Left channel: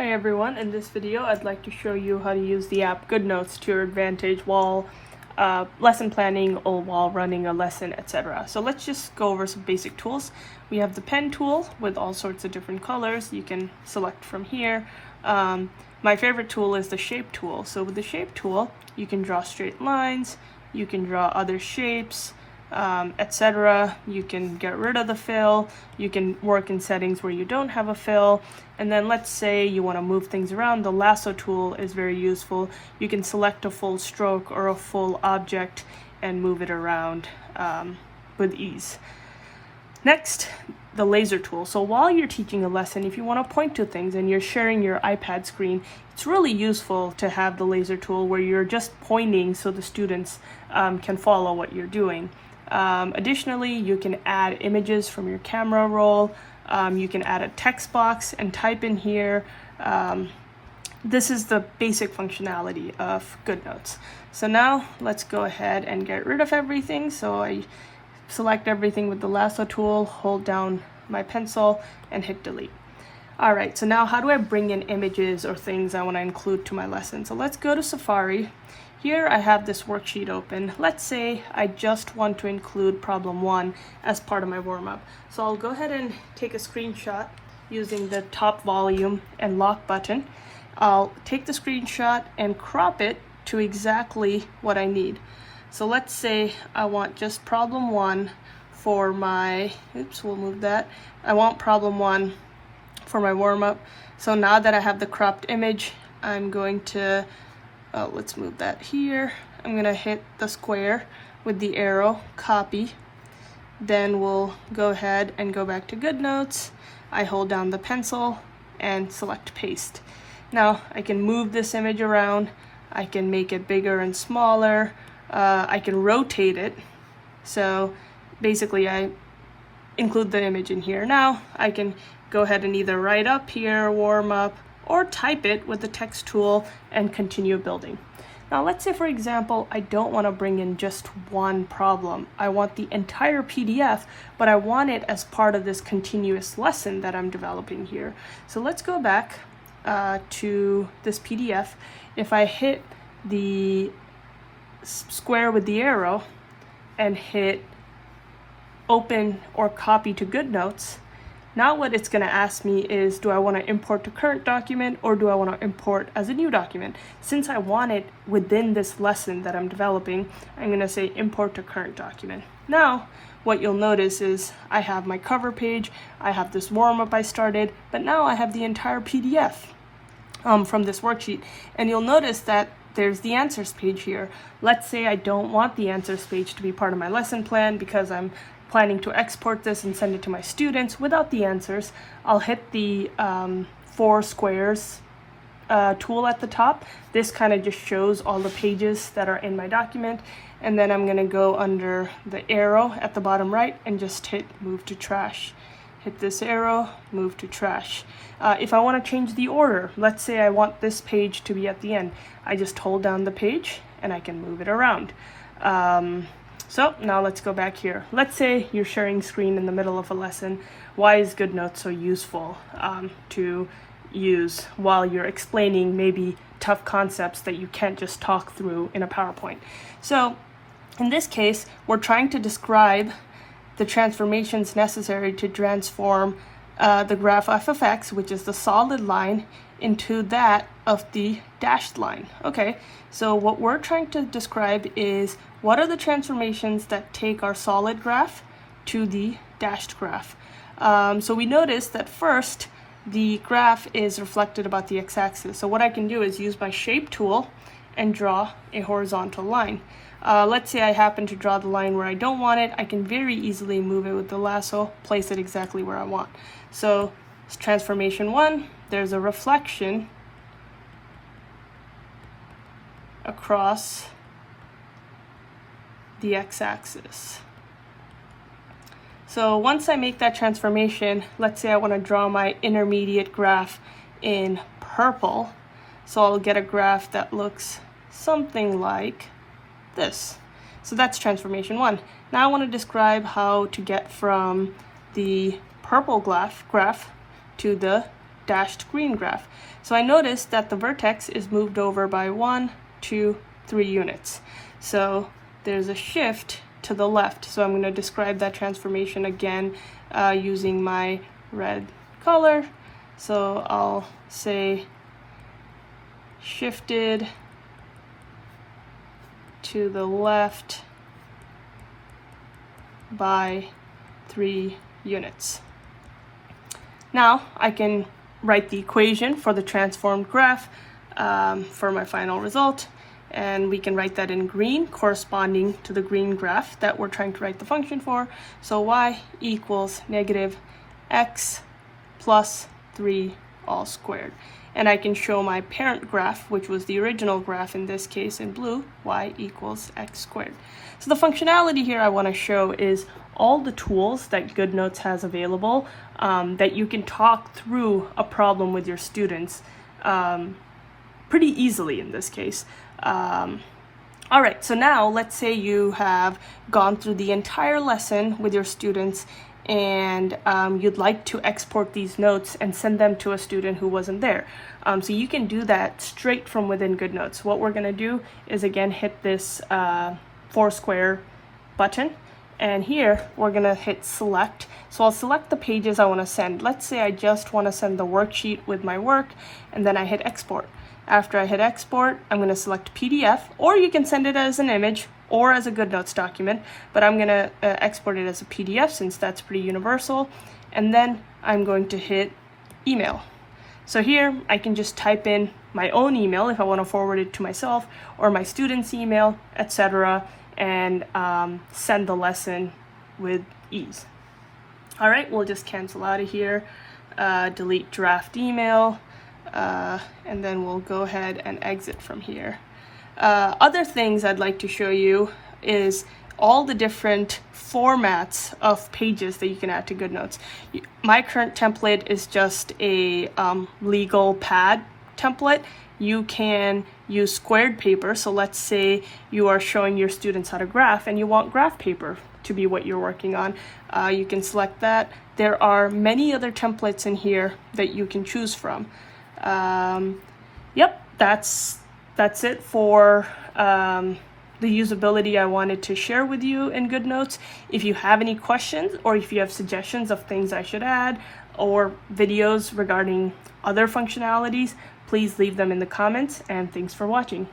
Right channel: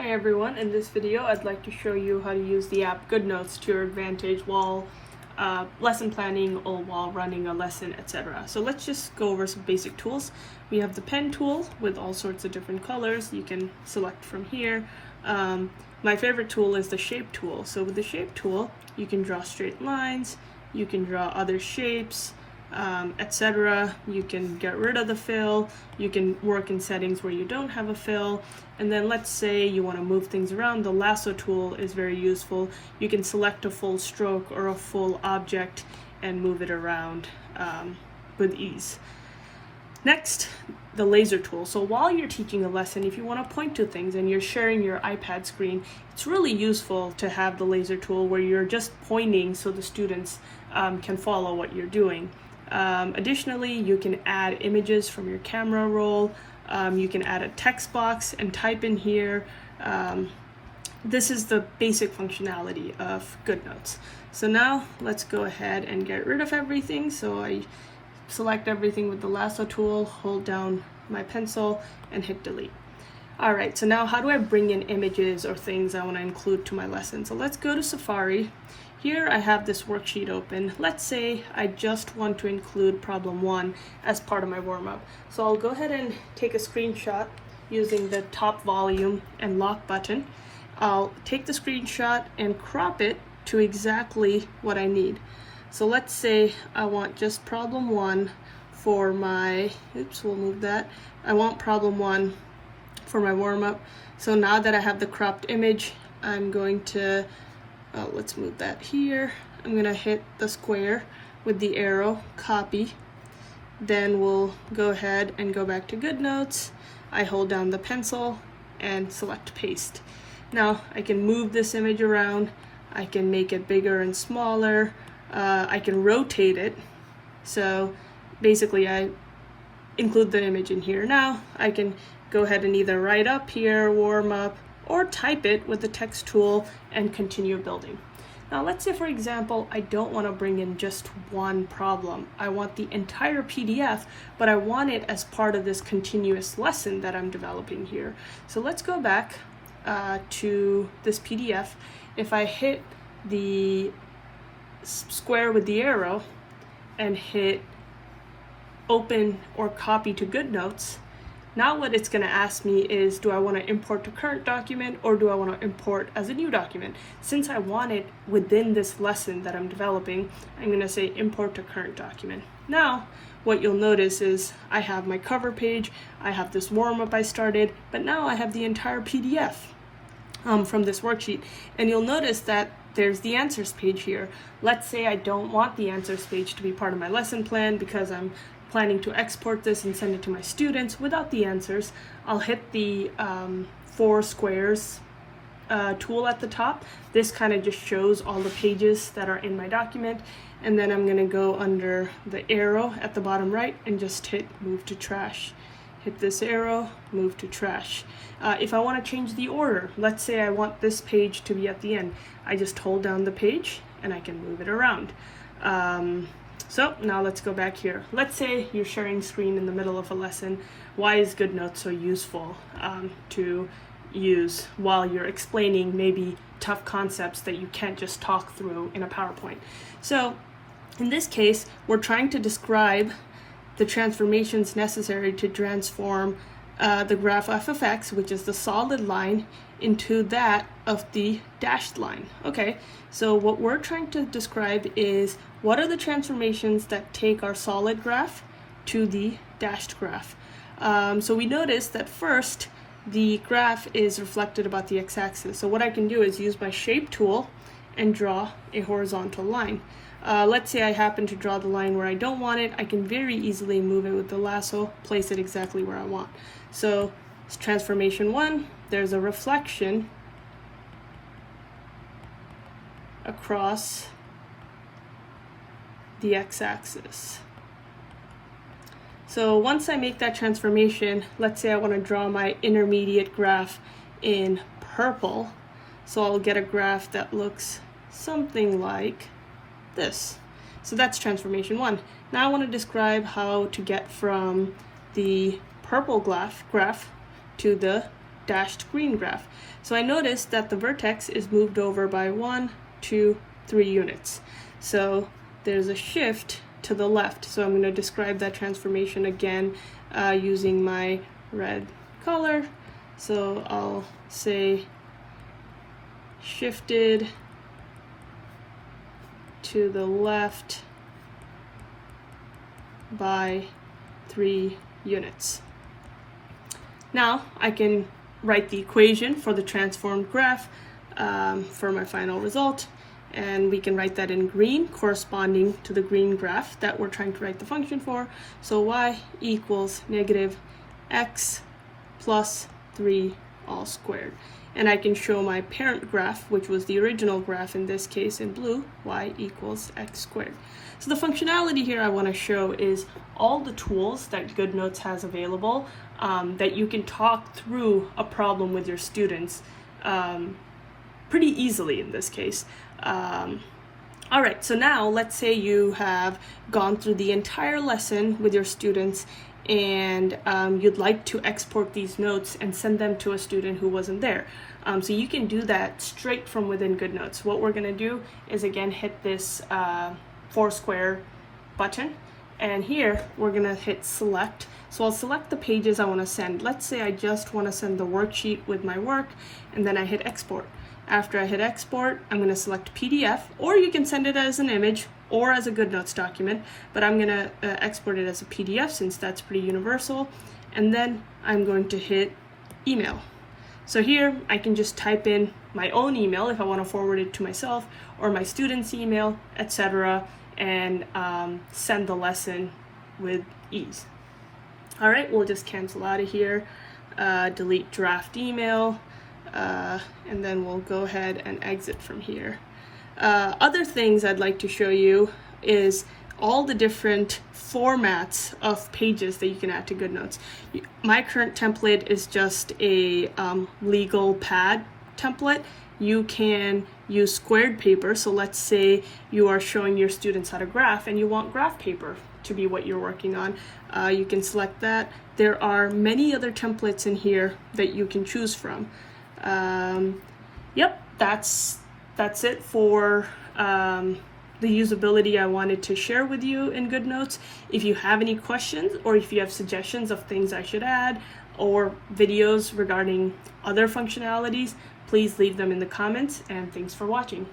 Hi everyone, in this video I'd like to show you how to use the app GoodNotes to your advantage while lesson planning or while running a lesson, etc. So let's just go over some basic tools. We have the pen tool with all sorts of different colors. You can select from here. My favorite tool is the shape tool. So with the shape tool, you can draw straight lines, you can draw other shapes, etc. You can get rid of the fill, you can work in settings where you don't have a fill, and then let's say you want to move things around. The lasso tool is very useful. You can select a full stroke or a full object and move it around with ease. Next, the laser tool. So while you're teaching a lesson, if you want to point to things and you're sharing your iPad screen, it's really useful to have the laser tool where you're just pointing so the students can follow what you're doing. Additionally, you can add images from your camera roll. You can add a text box and type in here. This is the basic functionality of GoodNotes. So now let's go ahead and get rid of everything. So I select everything with the lasso tool, hold down my pencil, and hit delete. All right, so now how do I bring in images or things I want to include to my lesson? So let's go to Safari. Here I have this worksheet open. Let's say I just want to include problem 1 as part of my warm-up. So I'll go ahead and take a screenshot using the top volume and lock button. I'll take the screenshot and crop it to exactly what I need. So let's say I want just problem 1 for my, we'll move that. I want problem 1 for my warm-up. So now that I have the cropped image, I'm going to let's move that here. I'm gonna hit the square with the arrow, copy. Then we'll go ahead and go back to GoodNotes. I hold down the pencil and select paste. Now I can move this image around. I can make it bigger and smaller. I can rotate it. So basically I include the image in here. Now I can go ahead and either write up here, warm up, or type it with the text tool and continue building. Now let's say, for example, I don't want to bring in just one problem. I want the entire PDF, but I want it as part of this continuous lesson that I'm developing here. So let's go back to this PDF. If I hit the square with the arrow and hit open or copy to GoodNotes, now what it's going to ask me is, do I want to import to current document or do I want to import as a new document? Since I want it within this lesson that I'm developing, I'm going to say import to current document. Now, what you'll notice is I have my cover page, I have this warm-up I started, but now I have the entire PDF from this worksheet. And you'll notice that there's the answers page here. Let's say I don't want the answers page to be part of my lesson plan because I'm planning to export this and send it to my students without the answers. I'll hit the 4 squares tool at the top. This kind of just shows all the pages that are in my document. And then I'm gonna go under the arrow at the bottom right and just hit move to trash. Hit this arrow, move to trash. If I wanna change the order, let's say I want this page to be at the end, I just hold down the page and I can move it around. So now let's go back here. Let's say you're sharing screen in the middle of a lesson. Why is GoodNotes so useful to use while you're explaining maybe tough concepts that you can't just talk through in a PowerPoint? So in this case, we're trying to describe the transformations necessary to transform the graph f of x, which is the solid line, into that of the dashed line. Okay, so what we're trying to describe is what are the transformations that take our solid graph to the dashed graph. So we notice that first the graph is reflected about the x-axis. So what I can do is use my shape tool and draw a horizontal line. Let's say I happen to draw the line where I don't want it. I can very easily move it with the lasso, place it exactly where I want. So transformation 1, there's a reflection across the x-axis. So once I make that transformation, let's say I want to draw my intermediate graph in purple. So I'll get a graph that looks something like this. So that's transformation 1. Now I want to describe how to get from the purple graph to the dashed green graph. So I noticed that the vertex is moved over by 1, 2, 3 units. So there's a shift to the left. So I'm going to describe that transformation again using my red color. So I'll say shifted to the left by 3 units. Now I can write the equation for the transformed graph for my final result, and we can write that in green corresponding to the green graph that we're trying to write the function for. So y equals negative x plus 3 all squared. And I can show my parent graph, which was the original graph in this case in blue, y equals x squared. So the functionality here I want to show is all the tools that GoodNotes has available that you can talk through a problem with your students pretty easily in this case. All right, so now let's say you have gone through the entire lesson with your students and you'd like to export these notes and send them to a student who wasn't there. So you can do that straight from within GoodNotes. What we're gonna do is again hit this 4 square button, and here we're gonna hit select. So I'll select the pages I wanna send. Let's say I just wanna send the worksheet with my work, and then I hit export. After I hit export, I'm gonna select PDF, or you can send it as an image or as a GoodNotes document, but I'm gonna export it as a PDF since that's pretty universal. And then I'm going to hit email. So here I can just type in my own email if I wanna forward it to myself or my student's email, etc., and send the lesson with ease. All right, we'll just cancel out of here, delete draft email, and then we'll go ahead and exit from here. Other things I'd like to show you is all the different formats of pages that you can add to GoodNotes. My current template is just a legal pad template. You can use squared paper. So let's say you are showing your students how to graph and you want graph paper to be what you're working on. You can select that. There are many other templates in here that you can choose from. Yep, that's it for the usability I wanted to share with you in GoodNotes. If you have any questions or if you have suggestions of things I should add or videos regarding other functionalities, please leave them in the comments, and thanks for watching.